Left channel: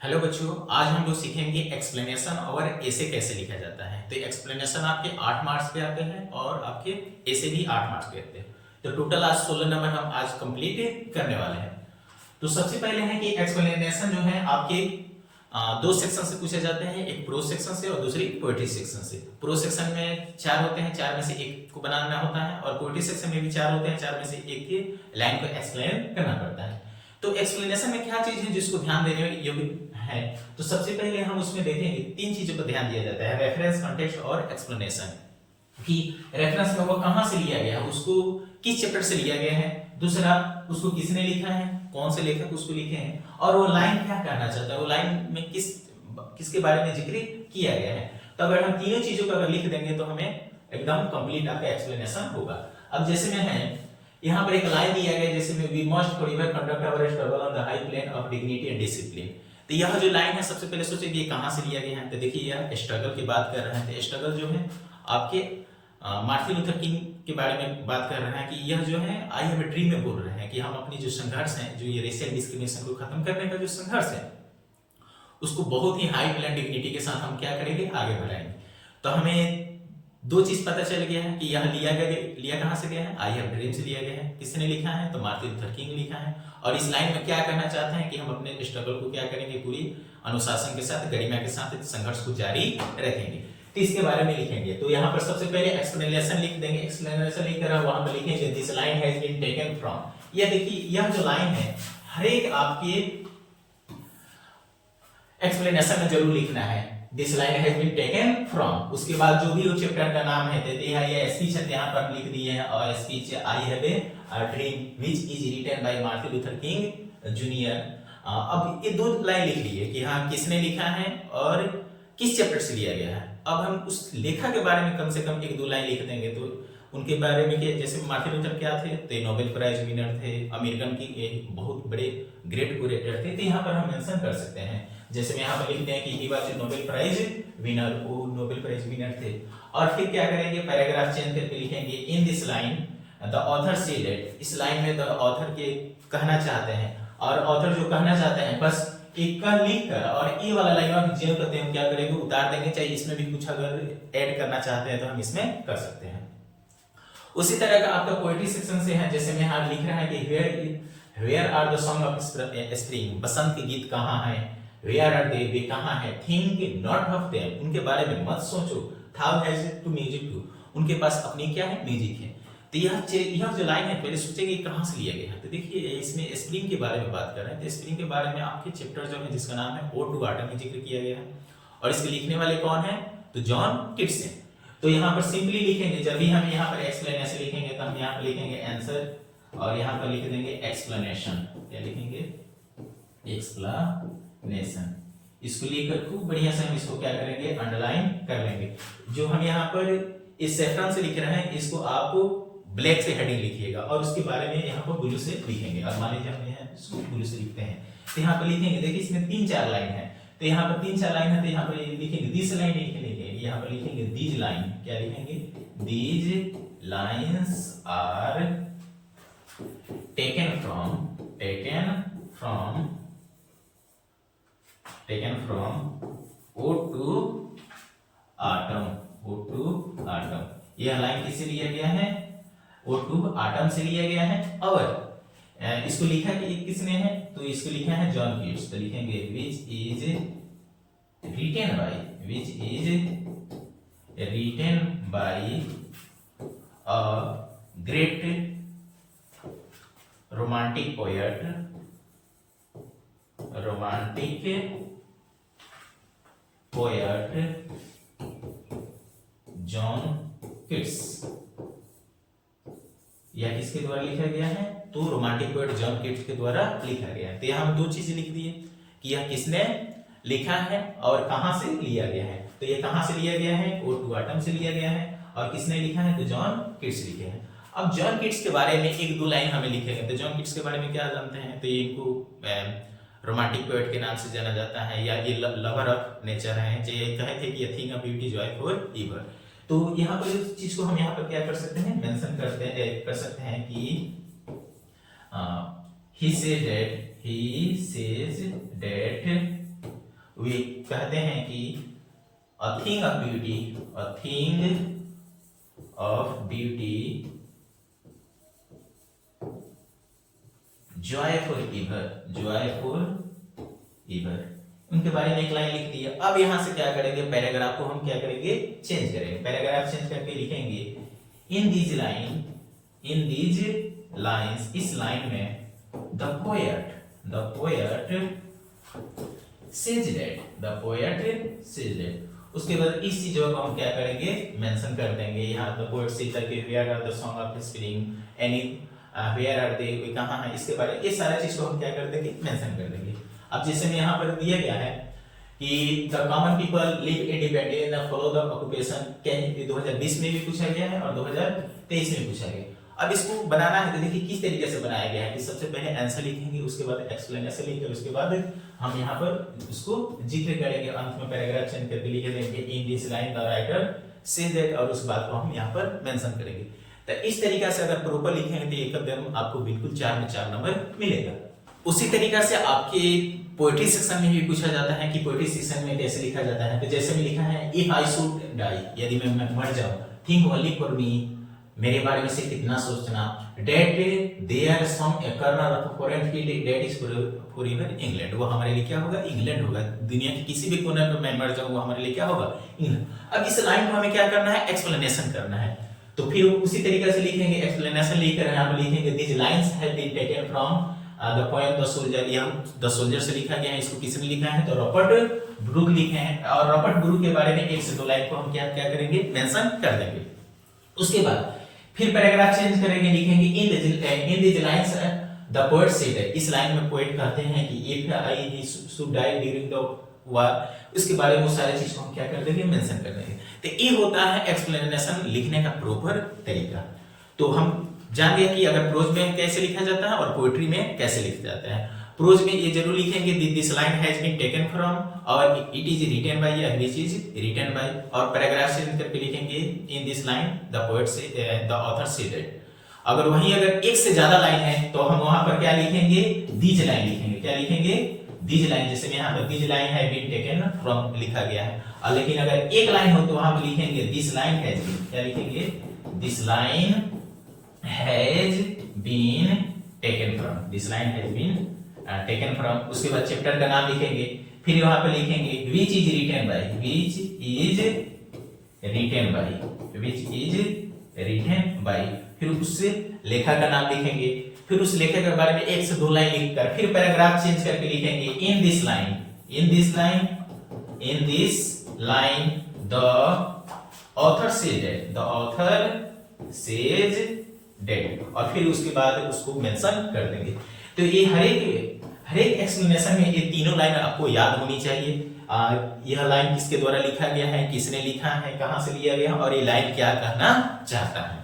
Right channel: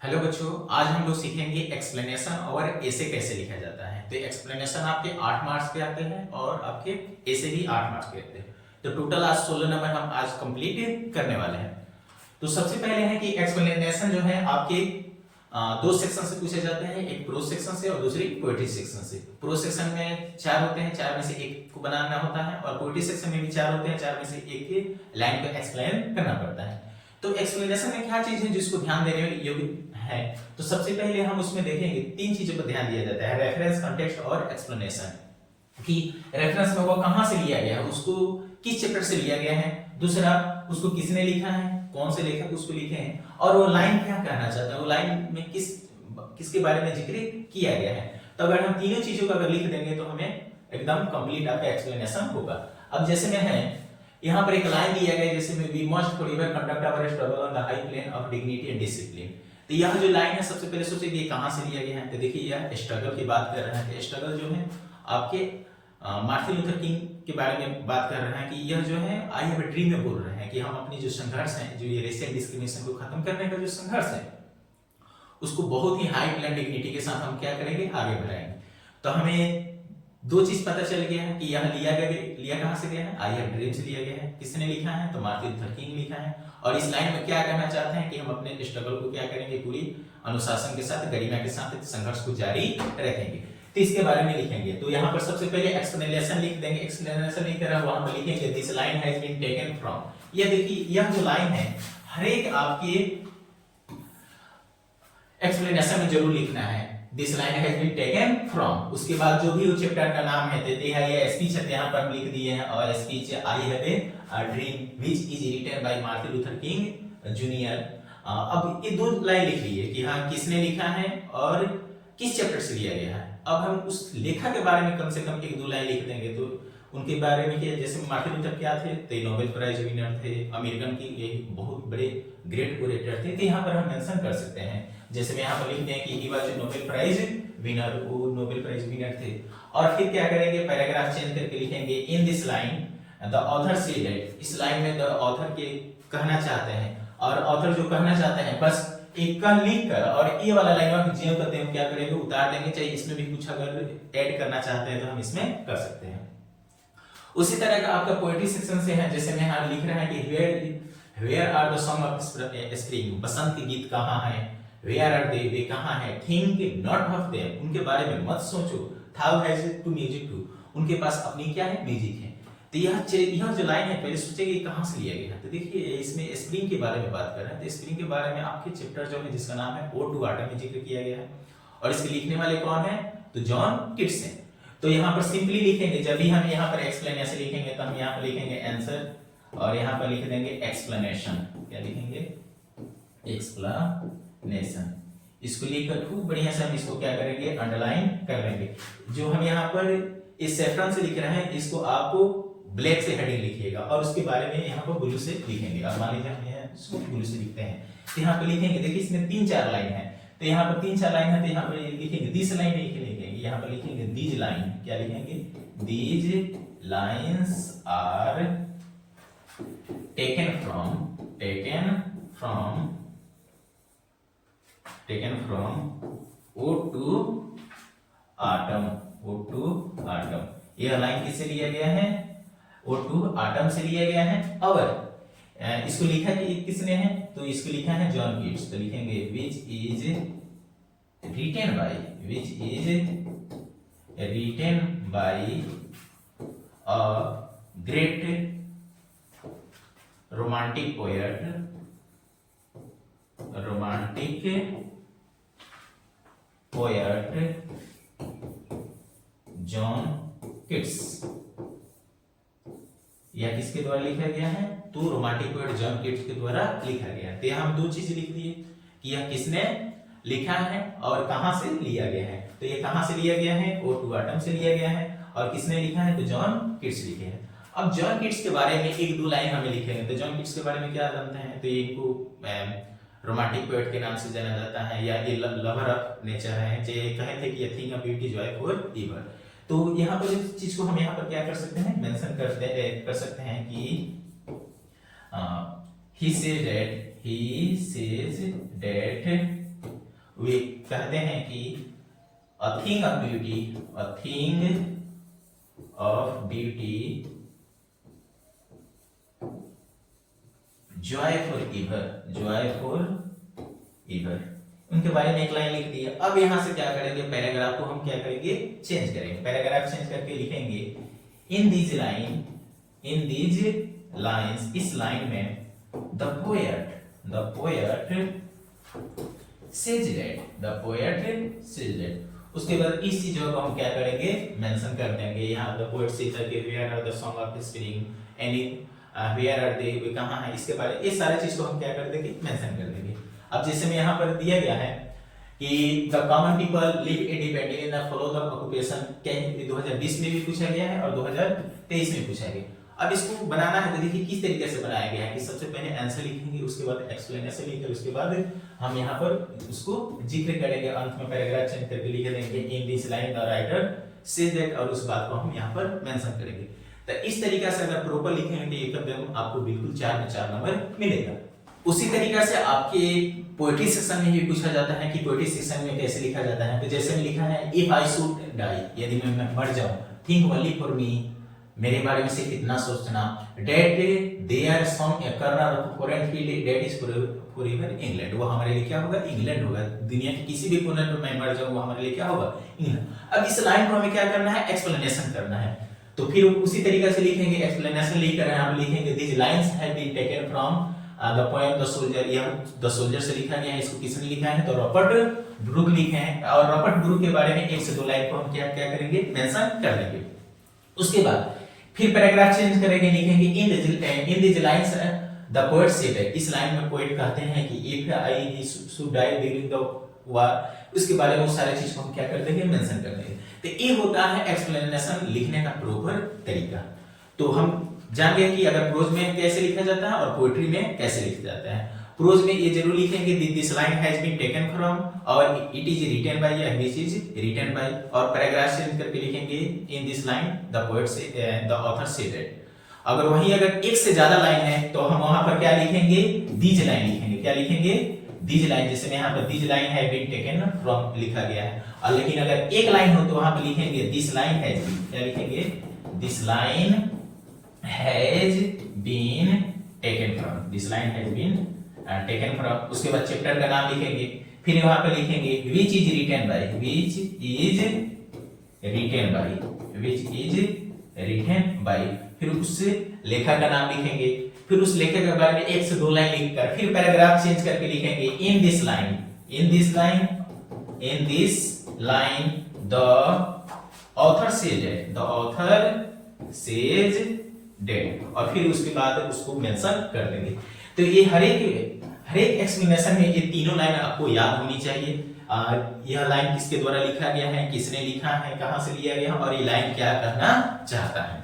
Hello बच्चों, आज हम लोग सीखेंगे एक्सप्लेनेशन और ऐसे कैसे लिखा जाता है। तो एक्सप्लेनेशन आपके 8 मार्क्स पे आते हैं और आपके ऐसे भी 8 मार्क्स पे आते हैं। तो टोटल आज 16 नंबर हम आज कंप्लीट करने वाले हैं। तो सबसे पहले है कि एक्सप्लेनेशन जो है आपके दो सेक्शन से पूछे जाते हैं, एक प्रोज सेक्शन से और दूसरी पोएट्री सेक्शन से। प्रोज सेक्शन में 4 होते हैं, 4 में से एक को बनाना होता है, और पोएट्री सेक्शन में भी 4 होते हैं, 4 में से एक की लाइन को एक्सप्लेन करना पड़ता है। तो एक्सप्लेनेशन में क्या चीज है जिसको ध्यान देने योग्य है, तो सबसे पहले हम उसमें देखेंगे 3 चीजों पर ध्यान दिया जाता है, रेफरेंस, कॉन्टेक्स्ट और एक्सप्लेनेशन। कि रेफरेंस में वो कहां से लिया गया है, उसको किस चैप्टर से लिया गया है, दूसरा उसको किसने लिखा है, कौन से लेखक उसको लिखे हैं, और वो लाइन क्या कहना चाहता है, वो लाइन में किसके बारे में जिक्र किया गया है। तो अगर हम तीनों चीजों को अगर लिख देंगे तो हमें एकदम कंप्लीट आपका एक्सप्लेनेशन होगा। अब जैसे में है यहाँ पर एक लाइन दिया गया जैसे में we must forever conduct our struggle on the high plane of dignity and discipline. तो यह जो लाइन है सबसे पहले सोचिए कि ये कहां से लिया गया है। तो देखिए यह स्ट्रगल की बात कर रहे हैं। तो स्ट्रगल जो है आपके मार्टिन लूथर किंग के बारे में बात कर रहे हैं कि यह जो है आई हैव अ ड्रीम में बोल रहे हैं कि हम अपनी जो संघर्ष है, जो ये रेशियल डिस्क्रिमिनेशन को खत्म करने का जो संघर्ष है, उसको बहुत ही हाई प्लेन डिग्निटी के साथ हम क्या करेंगे, आगे बढ़ाएंगे। तो हमें दो चीज पता चल गया है कि यह लिया कहां से गया है, आई हैव ड्रीम से लिया गया है। किसने लिखा है, तो मार्टिन लूथर किंग लिखा है। और इस लाइन में क्या कहना चाहते हैं कि हम अपने स्ट्रगल को क्या करेंगे, पूरी अनुशासन के साथ, गरिमा के साथ संघर्ष को जारी रखेंगे। तो इसके बारे में लिखेंगे। तो यहाँ पर सबसे पहले एक्सप्लेनेशन लिख देंगे। एक्सप्लेनेशन लिखकर वहां पर लिखेंगे this line has been taken from. यह देखिए यह जो लाइन है हर एक आपके एक्सप्लेनेशन में जरूर लिखना है, this line has been taken from. उसके बाद जो भी चैप्टर का नाम है, देते हैं ये स्पीच है, यहाँ पर हम लिख दिए हैं, और speech I have a dream which is written by Martin Luther King junior. अब ये दो लाइन लिख लिए कि हाँ किसने लिखा है और किस चैप्टर से लिया गया है। अब हम उस लेखक के बारे में कम से कम एक दो लाइन लिख देंगे। तो उनके बारे में क्या, जैसे मार्टिन लूथर क्या थे, तो नोबेल प्राइज विनर थे, अमेरिकन की एक बहुत बड़े ग्रेट ओरेटर थे। तो यहाँ पर हम मेंशन कर सकते हैं, जैसे में यहाँ पर लिखते हैं कि he was a Nobel prize winner, वो नोबेल प्राइज विनर थे। और फिर क्या करेंगे, पैराग्राफ चेंज करके लिखेंगे in this line the author said. इस लाइन में द ऑथर के कहना चाहते हैं, और ऑथर जो कहना चाहते हैं बस एक का लिख कर और ये वाला लाइन आप जेम करते हैं, क्या करेंगे, उतार देंगे। चाहे इसमें भी कुछ अगर ऐड करना चाहते हैं तो हम इसमें कर सकते हैं। उसी तरह का आपका पोएट्री सेक्शन से है, जैसे में यहाँ लिख रहे हैं कि where are the song of spring, बसंत के गीत कहाँ हैं, वेयर आर दे, वे कहाँ हैं, थिंक नॉट ऑफ देम, उनके बारे में मत सोचो, थाउ हैज टू म्यूजिक टू, उनके पास अपनी क्या है, म्यूजिक है। तो यह जो लाइन है पहले सोचेंगे कहां से लिया गया है। तो देखिए इसमें स्प्रिंग के बारे में बात कर रहे हैं। तो स्प्रिंग के बारे में आपके चैप्टर जो है जिसका नाम है ओड टू ऑटम में जिक्र किया गया है, और इसके लिखने वाले कौन है, तो जॉन किट्स हैं। तो यहाँ पर सिंपली लिखेंगे, जब भी हम यहाँ पर एक्सप्लेनेशन लिखेंगे तो हम यहाँ पर लिखेंगे आंसर, और यहाँ पर लिख देंगे एक्सप्लेनेशन। क्या लिखेंगे, एक्सप्लेनेशन। इसको लिखकर खूब बढ़िया से हम इसको क्या करेंगे, अंडरलाइन कर लेंगे। जो हम यहाँ पर इस सेफ्रॉन से लिख रहे हैं इसको आपको ब्लैक से हेडिंग लिखिएगा, और उसके बारे में यहाँ पर ब्लू से लिखेंगे। अब मान लीजिए हम यहाँ इसको ब्लू से लिखते हैं, तो यहाँ पर लिखेंगे, देखिए इसमें 3-4 लाइन है, तो यहाँ पर 3-4 लाइन है, तो यहाँ पर लिखेंगे दिस लाइन लिखेंगे, यहाँ पर लिखेंगे दीज लाइन। क्या लिखेंगे, these lines are taken from ode to autumn. यह लाइन किससे लिया गया है, ओड टू ऑटम से लिया गया है। और इसको लिखा कि किसने है, तो इसको लिखा है जॉन कीट्स। तो लिखेंगे which is written by a great romantic poet John Keats. यह किसके द्वारा लिखा गया है, तो रोमांटिक पोएट जॉन किट्स के द्वारा लिखा गया है। तो यहां हम दो चीज लिख दिए कि यह किसने लिखा है और कहां से लिया गया है। तो ये कहां से लिया गया है, ओड टू ऑटम से लिया गया है, और किसने लिखा है, तो जॉन किट्स लिखे हैं। अब जॉन किट्स के बारे में एक दो लाइन हमें लिखेंगे। तो जॉन किट्स के बारे में क्या जानते हैं, तो इनको रोमांटिक पोएट के नाम से जाना जाता है, या ये लवर ऑफ नेचर है। जो ये कहे थे कि a thing of beauty Joy for ever. तो यहाँ पर इस चीज को हम यहाँ पर क्या कर सकते हैं, मेंशन कर सकते हैं कि he says that वे कहते हैं कि a thing of beauty, a thing of beauty, joyful ever, joyful ever, उनके बारे में एक लाइन लिख दी है। अब यहां से क्या करेंगे, पैराग्राफ को हम क्या करेंगे, चेंज करेंगे। पैराग्राफ चेंज करके लिखेंगे इन दीज लाइन्स, इस लाइन में द पोएट सेज दैट, उसके बाद इस चीजों को हम क्या करेंगे, मेंशन कर देंगे। यहाँ the poet says that where are the song of spring, anywhere are they, कहाँ है, इसके बारे में ये सारे चीज को हम क्या कर देंगे, मेंशन कर देंगे। अब जैसे में यहाँ पर दिया गया है कि the common people live independent and follow the occupation, 2020 में भी पूछा गया है और 2023 में पूछा गया। अब इसको बनाना है तो देखिए किस तरीके से बनाया गया है कि सबसे पहले आंसर लिखेंगे, उसके बाद एक्सप्लेनेशन लिखेंगे, उसके बाद हम यहाँ पर उसको जिक्र करेंगे, अंत में पैराग्राफ चेंज करके लिख देंगे इन this line the writer says that, और उस बात को हम यहाँ पर मेंशन करेंगे। तो इस तरीके से अगर प्रॉपर लिखेंगे तो एकदम आपको बिल्कुल 4 में 4 नंबर मिलेगा। उसी तरीका से आपके पोएट्री सेक्शन में भी पूछा जाता है कि पोएट्री सेक्शन में कैसे लिखा जाता है। तो जैसे में लिखा है इफ आई शुड डाई, यदि मैं मर जाऊं, थिंक ओनली फॉर मी, मेरे बारे में सिर्फ इतना सोचना, that there some corner of foreign field that is forever England, वो हमारे लिए क्या होगा, इंग्लैंड होगा। दुनिया के किसी भी कोने पर मैं मर जाऊं वो हमारे लिए क्या होगा, इंग्लैंड। अब इस लाइन को हमें क्या करना है, एक्सप्लेनेशन करना है। तो फिर उसी तरीके से लिखेंगे, एक्सप्लेनेशन लिखकर यहाँ पर लिखेंगे this lines have been taken from the poem the soldier, यह द सोल्जर से लिखा गया है। इसको किसने लिखा है, तो रॉबर्ट ब्रूक लिखे हैं। और रॉबर्ट ब्रूक के बारे में 1 से 2 लाइन को हम क्या करेंगे, मेंशन कर देंगे। उसके बाद फिर पैराग्राफ चेंज करेंगे, लिखेंगे in this lines the poet said, इस लाइन में पोएट कहते हैं कि if I should die during the war, उसके बारे में वो सारे चीज को हम क्या कर देंगे, मेंशन कर देंगे। तो ये होता है एक्सप्लेनेशन लिखने का प्रॉपर तरीका। तो हम जान गए कि अगर प्रोज में कैसे लिखा जाता है और पोएट्री में कैसे लिखा जाता है। प्रोज में ये जरूर लिखेंगे this line has been taken from, और इट इज रिटन बाय या विच इज रिटन बाय, और पैराग्राफ चेंज करके लिखेंगे in this line the poet से द ऑथर सेड इट। अगर वहीं अगर एक से ज्यादा लाइन है तो हम वहां पर क्या लिखेंगे, दीज लाइन लिखेंगे। क्या लिखेंगे, दीज लाइन। जैसे यहाँ पर these line have been taken from लिखा गया है, और लेकिन अगर एक लाइन हो तो वहां पर लिखेंगे दिस लाइन हैज बीन, क्या लिखेंगे, this line has been taken from, this line has been taken from। उसके बाद चैप्टर का नाम लिखेंगे, फिर वहां पे लिखेंगे which is written by, which is written by, which is written by, फिर उससे लेखक का नाम लिखेंगे, फिर उस लेखक के बारे में 1 से 2 लाइन लिखकर फिर पैराग्राफ चेंज करके लिखेंगे in this line, in this line, in this line the author says that, the author says that, और फिर उसके बाद उसको मेंशन कर देंगे। तो ये हर एक एक्सप्लेनेशन में ये तीनों लाइन आपको याद होनी चाहिए। यह लाइन किसके द्वारा लिखा गया है, किसने लिखा है, कहां से लिया गया, और ये लाइन क्या कहना चाहता है।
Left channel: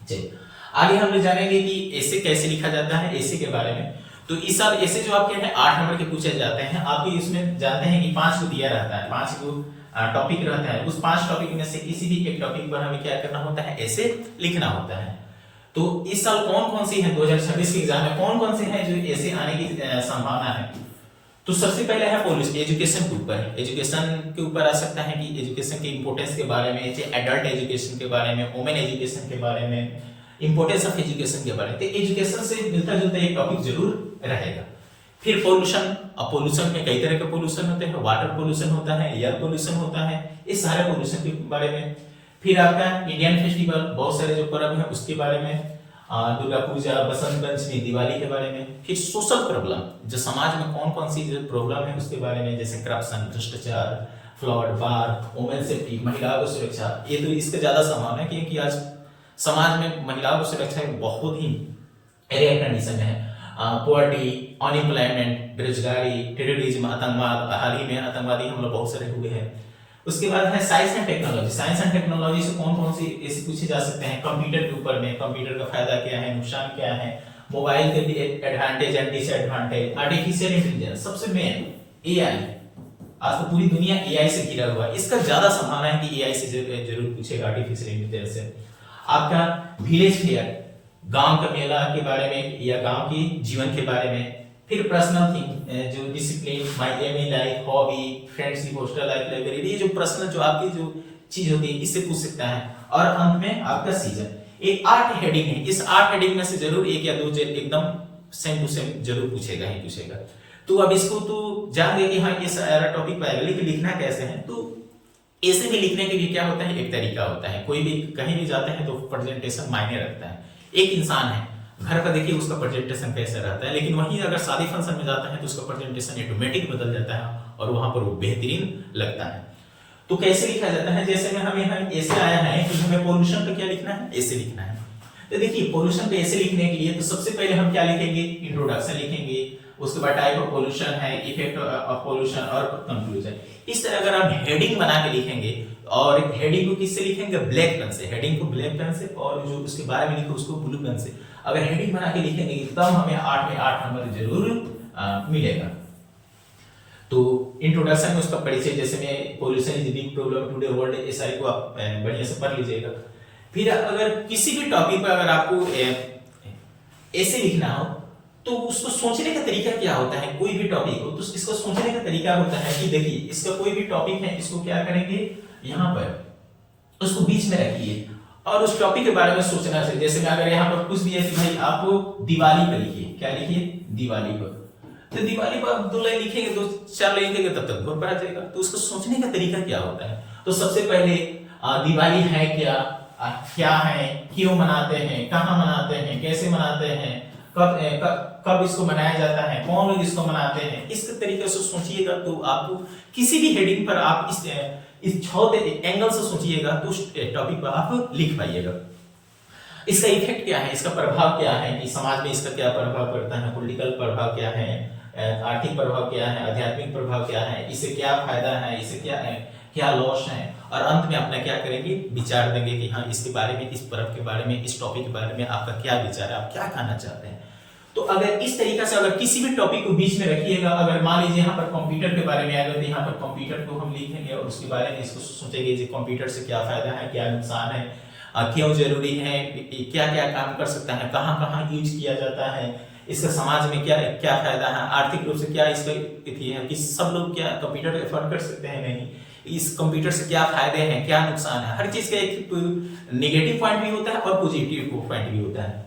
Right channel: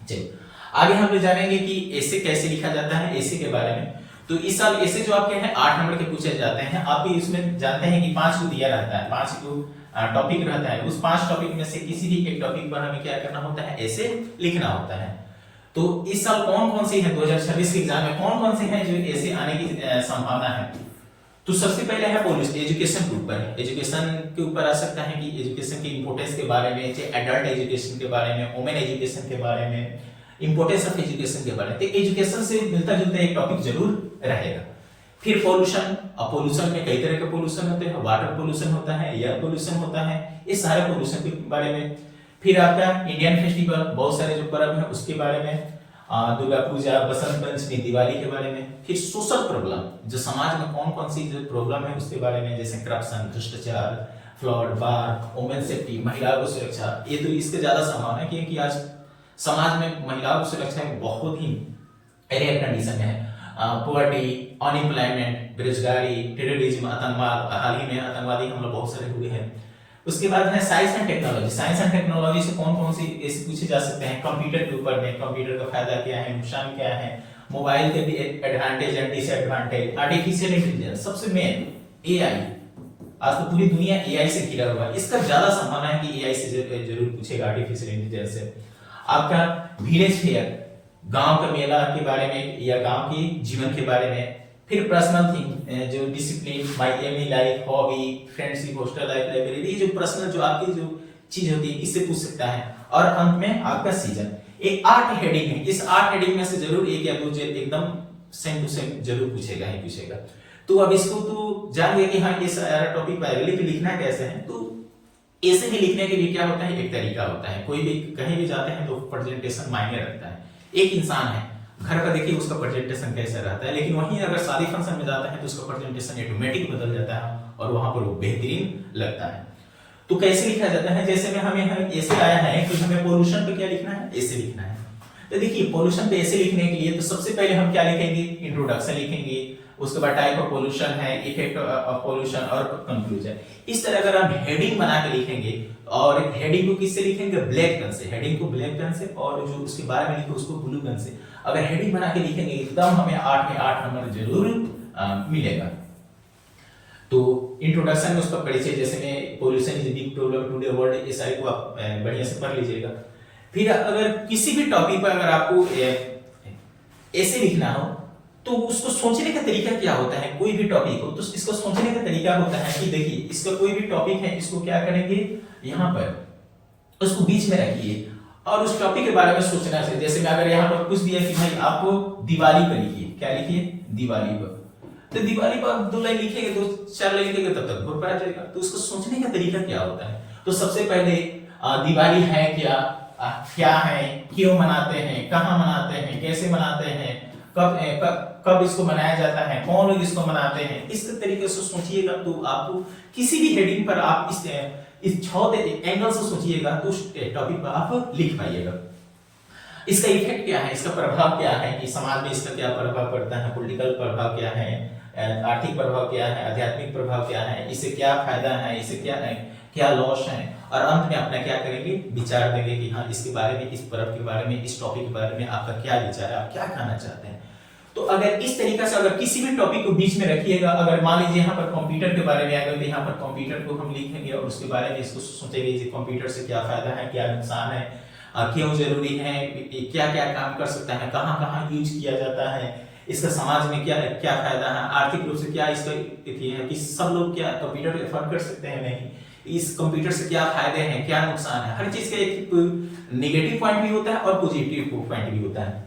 चलिए आगे हम लोग जानेंगे कि ऐसे कैसे लिखा जाता है, ऐसे के बारे में। तो इस साल ऐसे जो आपके हैं 8 नंबर के पूछे जाते हैं। आप इसमें जानते हैं कि 5 को दिया रहता है, 5 को टॉपिक रहता है। उस 5 टॉपिक में से किसी भी एक टॉपिक पर हमें क्या करना होता है, ऐसे लिखना होता है। तो इस साल कौन कौन सी है, 2026 के एग्जाम में कौन कौन से हैं जो ऐसे आने की संभावना है। तो सबसे पहले है पॉलिसी, एजुकेशन के ऊपर। एजुकेशन के ऊपर आ सकता है कि एजुकेशन की इंपॉर्टेंस के बारे में, एडल्ट एजुकेशन के बारे में, वुमेन एजुकेशन के बारे में, इंपॉर्टेंस ऑफ एजुकेशन के बारे में। तो एजुकेशन से मिलता जुलता एक टॉपिक जरूर रहेगा। फिर पोल्यूशन, अब पोल्यूशन में कई तरह के पोल्यूशन होते हैं, वाटर पोल्यूशन होता है, एयर पोल्यूशन होता है, इस सारे पोल्यूशन के बारे में। फिर आपका इंडियन फेस्टिवल, बहुत सारे जो पर्व हैं उसके बारे में, दुर्गा पूजा, बसंत पंचमी, दिवाली के बारे में। फिर सोशल प्रॉब्लम, जो समाज में कौन कौन सी जो प्रॉब्लम है उसके बारे में, जैसे करप्शन, भ्रष्टाचार, फ्लड, बाढ़, वुमेन सेफ्टी, महिलाओं की सुरक्षा। ये तो इसके ज्यादा संभावना है क्योंकि आज समाज में महिलाओं की सुरक्षा बहुत ही रेयर कंडीशन में है। पॉवर्टी, अनएम्प्लॉयमेंट, बेरोजगारी, टेररिज्म, आतंकवाद, हाल ही में आतंकवादी हमले बहुत सारे हुए हैं। उसके बाद है science and technology. Science and technology से कौन कौन सी ऐसे पूछे जा सकते हैं, कंप्यूटर के ऊपर में, कंप्यूटर का फायदा क्या है, नुकसान क्या है, मोबाइल के भी advantage and disadvantage, artificial intelligence, सबसे मेन एआई। आज तो पूरी दुनिया एआई से घिरा हुआ है, इसका ज्यादा संभावना है कि एआई से जरूर पूछेगा, आर्टिफिशियल इंटेलिजेंस से। आपका विलेज फेयर, गांव का मेला के बारे में या गांव के जीवन के बारे में, फिर पर्सनल थिंग जो discipline, my aim in life, hobby, friendship, hostel life, library, ये जो पर्सनल जो आपकी जो चीज होती है इससे पूछ सकता है। और अंत में आपका सीजन। एक 8 हेडिंग है, इस 8 हेडिंग में से जरूर एक या दो एकदम सेम टू सेम जरूर पूछेगा ही पूछेगा। तो अब इसको तो जान गए कि हाँ ये सारा टॉपिक पाएगा, लेकिन लिखना कैसे है। तो ऐसे भी लिखने के लिए क्या होता है, एक तरीका होता है। कोई भी कहीं भी जाते हैं तो प्रेजेंटेशन मायने रखता है। एक इंसान है, घर पर देखिए उसका प्रेजेंटेशन कैसा रहता है, लेकिन वहीं अगर शादी फंक्शन में जाता है तो उसका प्रेजेंटेशन ऑटोमेटिक बदल जाता है और वहां पर वो बेहतरीन लगता है। तो कैसे लिखा जाता है, जैसे में हमें ऐसे आया है कि हमें पोल्यूशन पे क्या लिखना है, ऐसे लिखना है। तो देखिए पोल्यूशन पे ऐसे लिखने के लिए तो सबसे पहले हम क्या लिखेंगे, इंट्रोडक्शन लिखेंगे, उसके बाद टाइप ऑफ पोल्यूशन है, इफेक्ट ऑफ पोल्यूशन और कंक्लूजन। इस तरह अगर हम हेडिंग बना के लिखेंगे, और हेडिंग को किससे लिखेंगे, ब्लैक पेन से, हेडिंग को ब्लैक पेन से, और जो उसके बारे में लिखो उसको ब्लू पेन से। अगर हेडिंग बना के लिखेंगे एकदम हमें 8 में 8 नंबर जरूर मिलेगा। तो इंट्रोडक्शन में उसका परिचय, जैसे में pollution is big problem today world, इस सारी को आप बढ़िया से पढ़ लीजिएगा। फिर अगर किसी भी टॉपिक पर अगर आपको ऐसे लिखना हो तो उसको सोचने का तरीका क्या होता है, कोई भी टॉपिक हो तो इसको सोचने का तरीका होता है कि देखिए इसका कोई भी टॉपिक है, इसको क्या करेंगे, यहाँ पर उसको बीच में रखिए और उस टॉपिक के बारे में सोचना चाहिए। जैसे मैं अगर यहाँ पर कुछ दिया कि भाई आपको दिवाली पर लिखिए, क्या लिखिए, दिवाली पर, तो दिवाली पर 2 लाइन लिखेंगे, 2-4 लाइन लिखेंगे तब तक घर पर आ जाएगा। तो उसको सोचने का तरीका क्या होता है, तो सबसे पहले दिवाली है क्या है, क्यों मनाते हैं, कहाँ मनाते हैं, कैसे मनाते हैं, कब इसको मनाया जाता है, कौन लोग इसको मनाते हैं, इस तरीके से सोचिएगा। तो आपको किसी भी हेडिंग पर आप इस 6 एंगल से सोचिएगा तो उस टॉपिक पर आप लिख पाइएगा। इसका इफेक्ट क्या है, इसका प्रभाव क्या है, कि समाज में इसका क्या प्रभाव पड़ता है, पॉलिटिकल प्रभाव क्या है, आर्थिक प्रभाव क्या है, आध्यात्मिक प्रभाव क्या है, इससे क्या फायदा है, इससे क्या लॉस है, और अंत में अपना क्या करेंगे, विचार देंगे कि हाँ इसके बारे में, इस पर्व के बारे में, इस टॉपिक के बारे में आपका क्या विचार है, आप क्या कहना चाहते हैं। तो अगर इस तरीके से अगर किसी भी टॉपिक को बीच में रखिएगा, अगर मान लीजिए यहाँ पर कंप्यूटर के बारे में आएगा तो यहाँ पर कंप्यूटर को हम लिखेंगे और उसके बारे में इसको सोचेंगे कि कंप्यूटर से क्या फायदा है, क्या नुकसान है, क्यों जरूरी है, क्या क्या काम कर सकता है, कहाँ कहाँ यूज किया जाता है, इसका समाज में क्या क्या फायदा है, आर्थिक रूप से क्या इसका है कि सब लोग क्या कंप्यूटर अफोर्ड कर सकते हैं, नहीं, इस कंप्यूटर से क्या फायदे हैं, क्या नुकसान है। हर चीज का एक नेगेटिव पॉइंट भी होता है और पॉजिटिव पॉइंट भी होता है।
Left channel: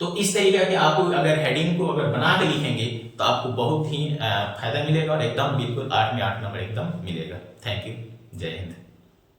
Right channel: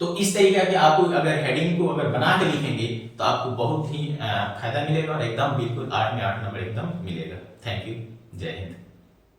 तो इस तरीके के आप अगर हेडिंग को अगर बना के लिखेंगे तो आपको बहुत ही फायदा मिलेगा और एकदम बिल्कुल 8 में 8 नंबर एकदम मिलेगा। थैंक यू, जय हिंद।